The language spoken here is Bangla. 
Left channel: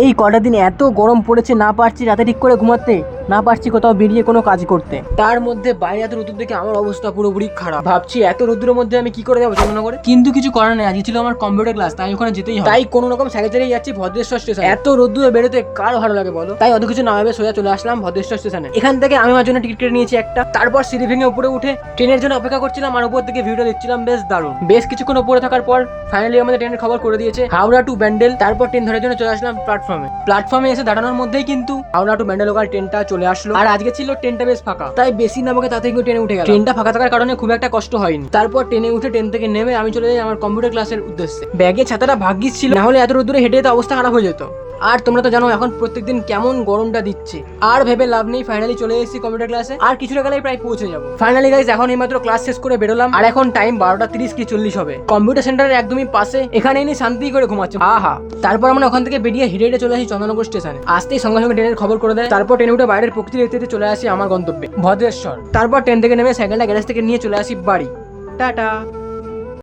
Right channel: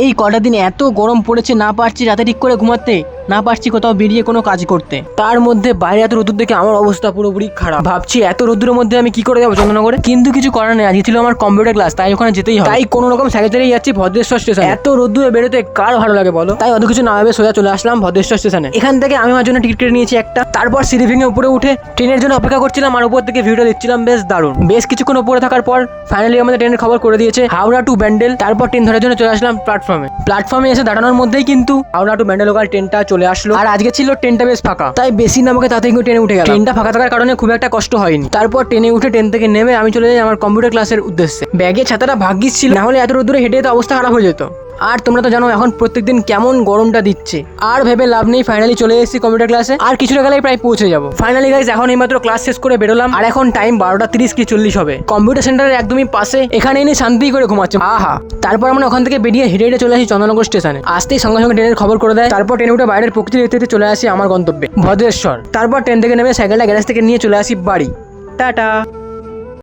এই কটা দিন এত গরম পড়েছে, না পারছি রাতে ঠিক করে ঘুমাতে, না পারছি কোথাও বেরিয়ে কোনো কাজ করতে। তার মধ্যে বাইরে এত রোদ্দুর দেখে আমার অবস্থা পুরোপুরি খারাপ। ভাবছি এত রোদ্দুরের মধ্যে আমি কি করে যাবো চন্দননগরে, কিন্তু কিছু করার নেই। আজকে ছিল আমার কম্পিউটার ক্লাস, তাই ওখানে যেতেই হবে। তাই কোনো রকম সাইকেল চালিয়ে যাচ্ছি ভদ্রেশ্বর স্টেশন। এত রোদ্দুরে বেরোতে কার ভালো লাগে বলো? তাই অত কিছু না ভেবে সোজা চলে আসলাম ভদ্রেশ্বর স্টেশনে। এখান থেকে আমি আমার জন্য টিকিট কেটে নিয়েছি একটা। তারপর সিঁড়ি ভেঙে উপরে উঠে ট্রেনের জন্য অপেক্ষা করছিলাম, আর উপর থেকে ভিডিও দেখছিলাম। বেশ দারুণ। বেশ কিছুক্ষণ উপরে থাকার পর ফাইনালি আমাদের ট্রেনের খবর করে দিয়েছে হাওড়া টু ব্যান্ডেল। তারপর ট্রেন ধরার জন্য চলে আসলাম প্ল্যাটফর্মে এসে দাঁড়ানোর মধ্যেই কিন্তু হাওড়া টু ব্যান্ডেল লোকাল ট্রেনটা চলে আসলো। আর আজকে ছিল ট্রেনটা বেশ ফাঁকা, তাই বেশি না আমাকে তাতে ট্রেনে উঠে গেল। ট্রেনটা ফাঁকা থাকার কারণে খুব একটা কষ্ট হয়নি। তারপর ট্রেনে উঠে ট্রেন থেকে নেমে আমি চলে যাই আমার কম্পিউটার ক্লাসের উদ্দেশ্যে। ব্যাগে ছাতাটা ভাগ্যিস ছিল, না হলে এত রোদ্দুরে হেঁটে তো অবস্থা খারাপ হয়ে যেত। আর তোমরা তো জানো এখন প্রত্যেকদিন কেমন গরমটা দিচ্ছে। আর ভেবে লাভ নেই, ফাইনালি চলে এসেছি কম্পিউটার ক্লাসে। আর কিছুটা গেলেই প্রায় পৌঁছে যাবো। ফাইনালি গাইস, এখন এইমাত্র ক্লাস শেষ করে বেরোলাম, আর এখন টাইম 12:30 কি 40 হবে। কম্পিউটার সেন্টারের একদমই পাশে, এখানে এনে শান্তি করে ঘুমাচ্ছে। আহা। তারপর আমরা ওখান থেকে বেরিয়ে হেঁটে হেঁটে চলে আসি চন্দননগর স্টেশনে। আসতেই সঙ্গে সঙ্গে ট্রেনের খবর করে দেয়। তারপর ট্রেনে উঠে বাইরের প্রকৃতি দেখতে দেখতে চলে আসি আমার গন্তব্যে ভদ্রেশ্বর। তারপর ট্রেন থেকে নেমে সাইকেলটা গ্যারেজ থেকে নিয়ে চলে আসি বাড়ি। টাটা।